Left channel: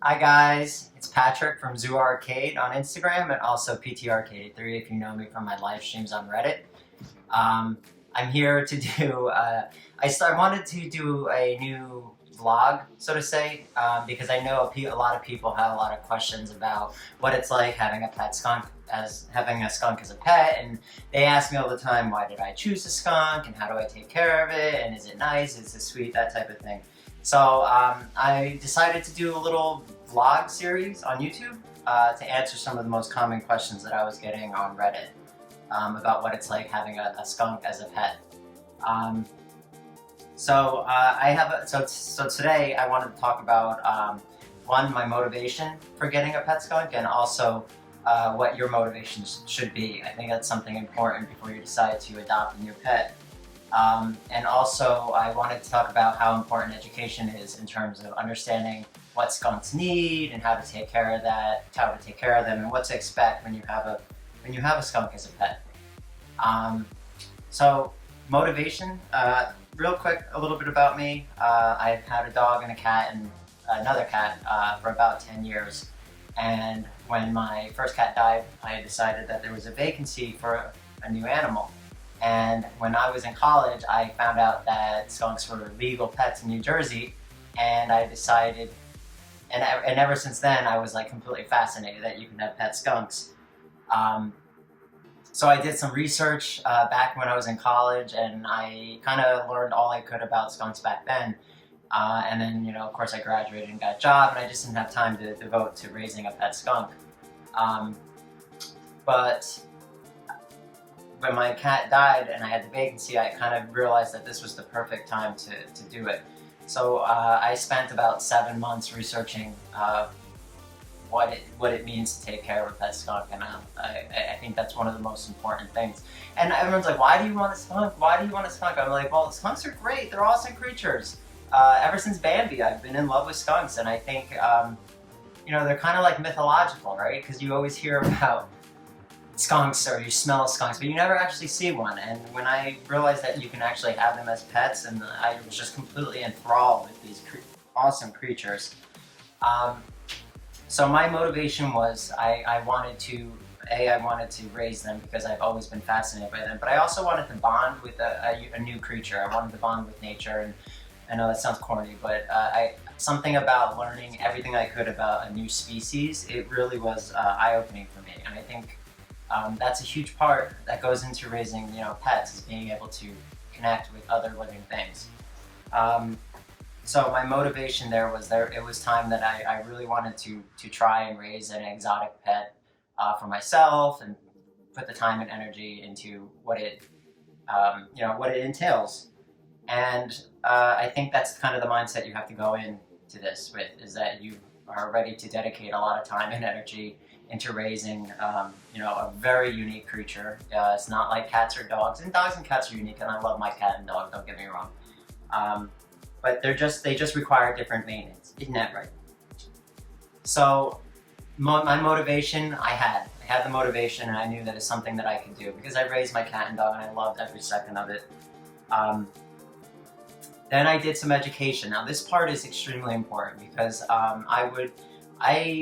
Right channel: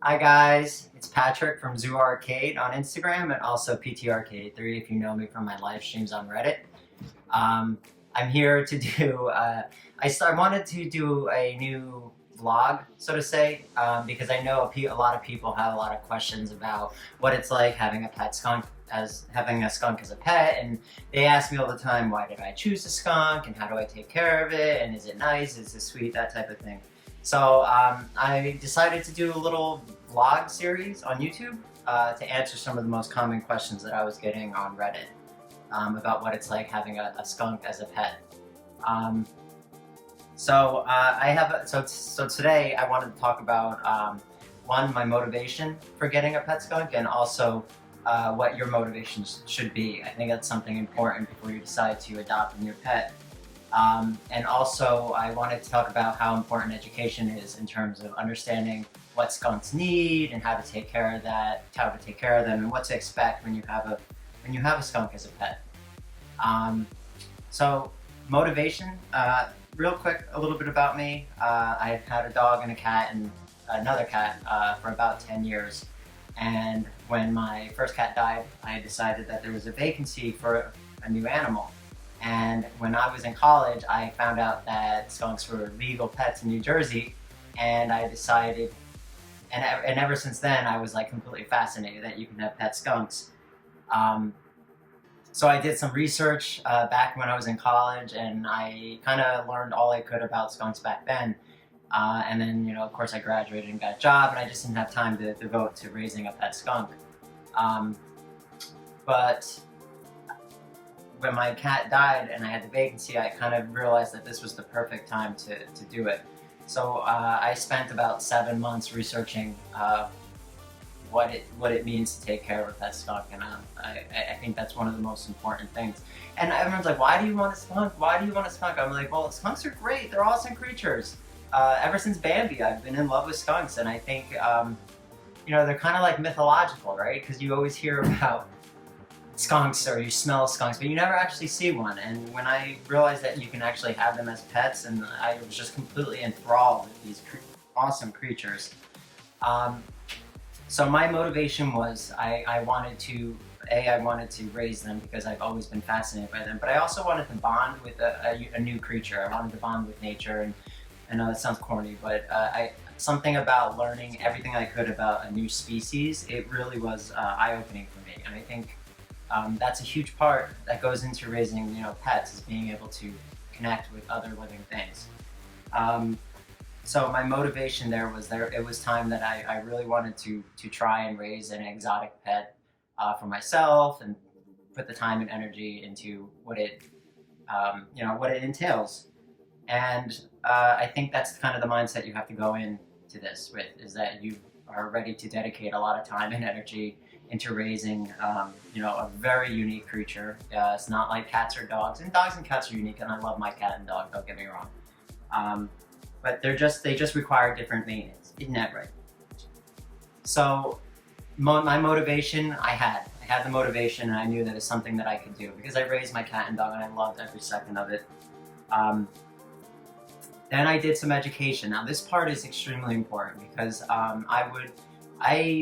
Hi guys, it's Patrick from Zoo Arcade on Instagram and also PT Arcade 3 if you know me from my live streams on Reddit. Um, I'm here to do, I wanted to do a new vlog, so to say, because I know a lot of people have a lot of questions about what it's like having a pet skunk, as having a skunk as a pet, and they ask me all the time, why did I choose a skunk and how do I take care of it, and is it nice, is it sweet, that type of thing. So I decided to do a little vlog series on YouTube to answer some of the most common questions that I was getting on Reddit about what it's like having a skunk as a pet. Um, so today I wanted to talk about one, my motivation for getting a pet skunk, and also what your motivations should be. I think that's something important before you decide to adopt a new pet. And also, I wanted to talk about how important education is in terms of understanding what skunks need and how to take care of that, how to take care of them, and what to expect when you have a skunk as a pet. Um, so, motivation. Real quick, a little bit about me. I've had a dog and a cat and another cat for about 10 years. And when my first cat died, I decided that there was a vacancy for a new animal. And when I was in college, I found out that skunks were legal pets in New Jersey, and I decided, and ever since then, I was like completely fascinated that you can have pet skunks. Um, so I did some research back when I was in college, and I kind of learned all I could about skunks back then. And then, of course, I graduated and got a job, and I just didn't have time to devote to raising a pet skunk. Um, but when my cat died and I had the vacancy, I kind of realized that this was the perfect time to do it. So I spent about 7 months researching what it means to take care of a pet skunk, and I think that's one of the most important things. And everyone's like, "Why do you want a skunk? Why do you want a skunk?" I'm like, "Well, skunks are great. They're awesome creatures. Ever since Bambi, I've been in love with skunks, and I think they're kind of like mythological, right? Because you always hear about skunks or you smell skunks, but you never actually see one. And when I realized that you can actually have them as pets, and I was just completely enthralled with these awesome creatures. Um, so my motivation was I wanted to raise them because I've always been fascinated by them, but I also wanted to bond with a new creature. I wanted to bond with nature, and I know that sounds corny, but something about learning everything I could about a new species, it really was eye-opening for me. And I think that's a huge part that goes into raising, pets, is being able to connect with other living things. Um, so my motivation there was it was time that I really wanted to try and raise an exotic pet for myself and put the time and energy into what it entails. And I think that's kind of the mindset you have to go into this with, is that you are ready to dedicate a lot of time and energy into raising, a very unique creature. It's not like cats or dogs, and dogs and cats are unique, and I love my cat and dog, don't get me wrong. But they just require different maintenance. Isn't that right? So my motivation, I had the motivation, and I knew that it's something that I could do because I raised my cat and dog, and I loved every second of it. Um, then I did some education. Now this part is extremely important because I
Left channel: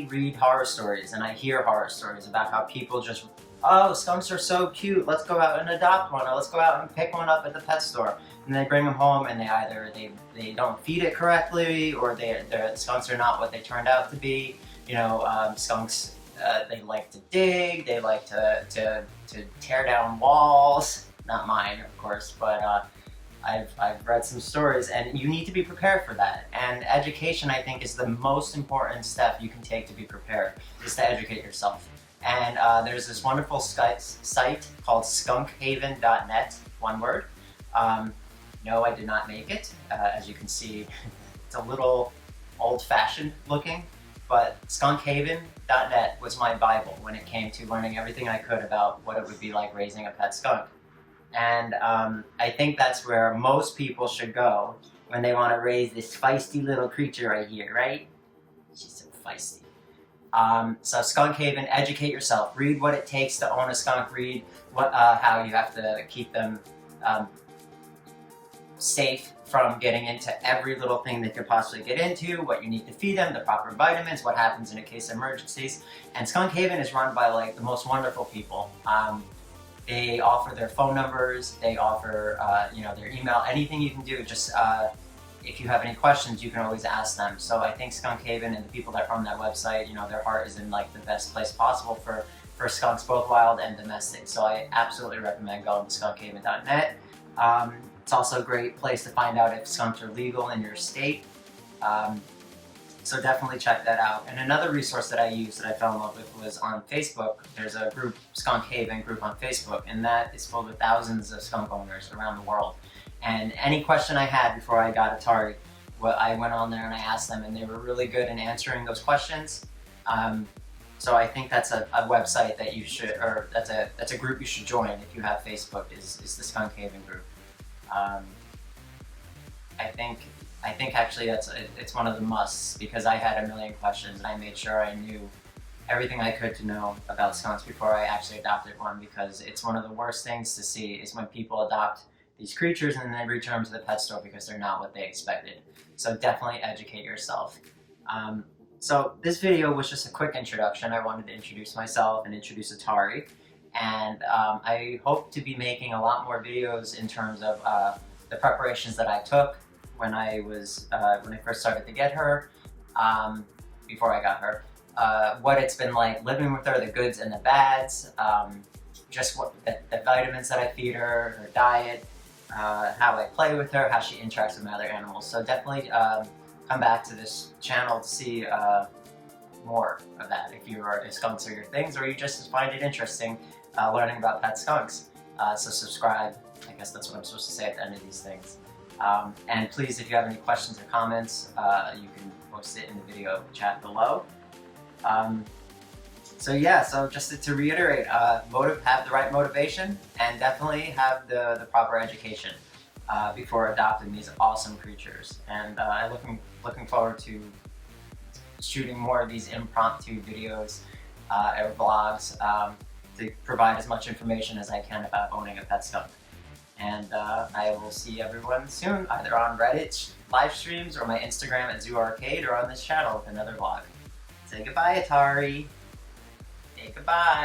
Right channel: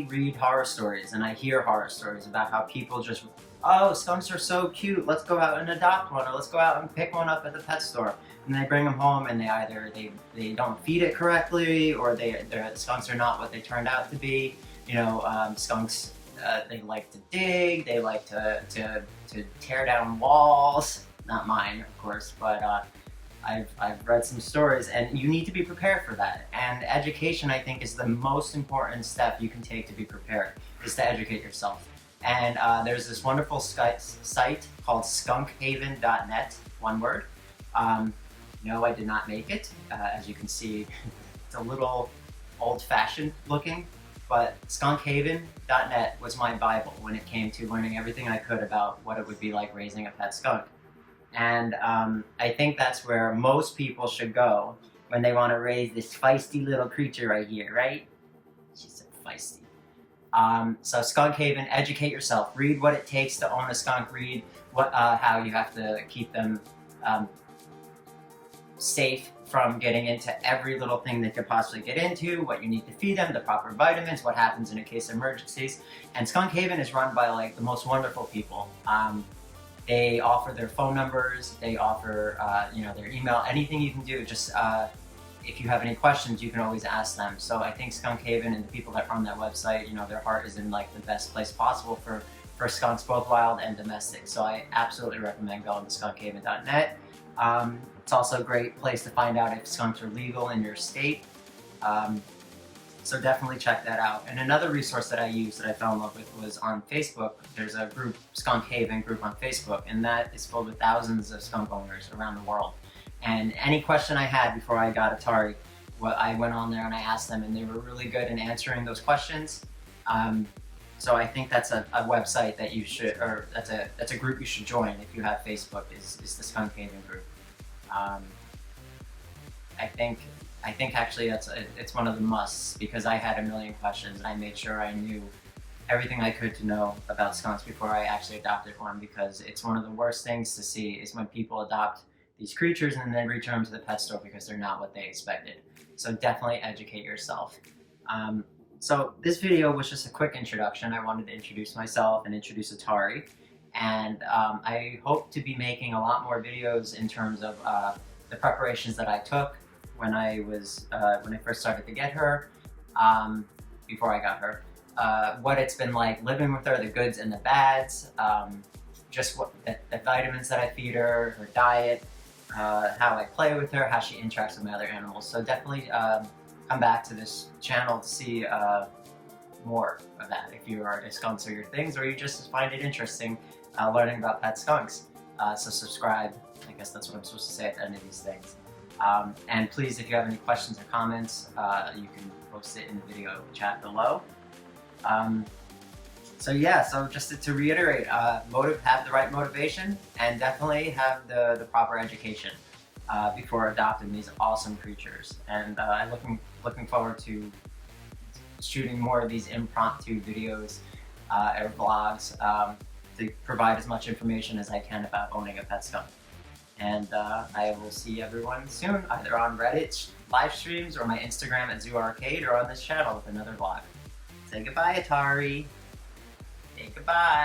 read horror stories and I hear horror stories about how people just, oh, skunks are so cute, let's go out and adopt one, or let's go out and pick one up at the pet store. And they bring them home, and they don't feed it correctly, or the skunks are not what they turned out to be. Skunks, they like to dig, they like to tear down walls. Not mine, of course, but I've read some stories, and you need to be prepared for that. And education, I think, is the most important step you can take to be prepared, is to educate yourself. And there's this wonderful site called skunkhaven.net, one word. No, I did not make it. As you can see, it's a little old-fashioned looking, but skunkhaven.net was my Bible when it came to learning everything I could about what it would be like raising a pet skunk. And I think that's where most people should go when they want to raise this feisty little creature right here, right? She's so feisty. So Skunk Haven, educate yourself. Read what it takes to own a skunk. Read how you have to keep them safe from getting into every little thing they could possibly get into, what you need to feed them, the proper vitamins, what happens in a case of emergencies. And Skunk Haven is run by like the most wonderful people. They offer their phone numbers, they offer their email, anything you can do. Just if you have any questions, you can always ask them. So I think Skunk Haven and the people that run that website, their heart is in like the best place possible for skunks, both wild and domestic. So I absolutely recommend going to skunkhaven.net. It's also a great place to find out if skunks are legal in your state. So definitely check that out. And another resource that I used that I fell in love with was on Facebook. There's a group, Skunk Haven group on Facebook, and that is filled with thousands of skunk owners around the world. And any question I had before I got Atari, I went on there and I asked them, and they were really good in answering those questions. So I think that's a website that you should, or that's a group you should join if you have Facebook. Is the Skunk Haven group. I think actually it's one of the musts, because I had a million questions and I made sure I knew everything I could to know about skunks before I actually adopted one, because it's one of the worst things to see is when people adopt these creatures and then they return them to the pet store because they're not what they expected. So definitely educate yourself. So this video was just a quick introduction. I wanted to introduce myself and introduce Atari. And I hope to be making a lot more videos in terms of the preparations that I took when I first started to get her, before I got her, what it's been like living with her, the goods and the bads, just what the vitamins that I feed her, her diet, how I play with her, how she interacts with my other animals. So definitely come back to this channel to see more of that if skunks are your things, or you just find it interesting learning about pet skunks. So subscribe. I guess that's what I'm supposed to say at the end of these things. And please, if you have any questions or comments, you can post it in the video chat below. So just to reiterate, have the right motivation, and definitely have the proper education before adopting these awesome creatures. And I'm looking forward to shooting more of these impromptu videos or vlogs to provide as much information as I can about owning a pet skunk. And I will see everyone soon, either on Reddit live streams or my Instagram at Zoo Arcade, or on this channel with another vlog. Say goodbye, Atari. Say goodbye.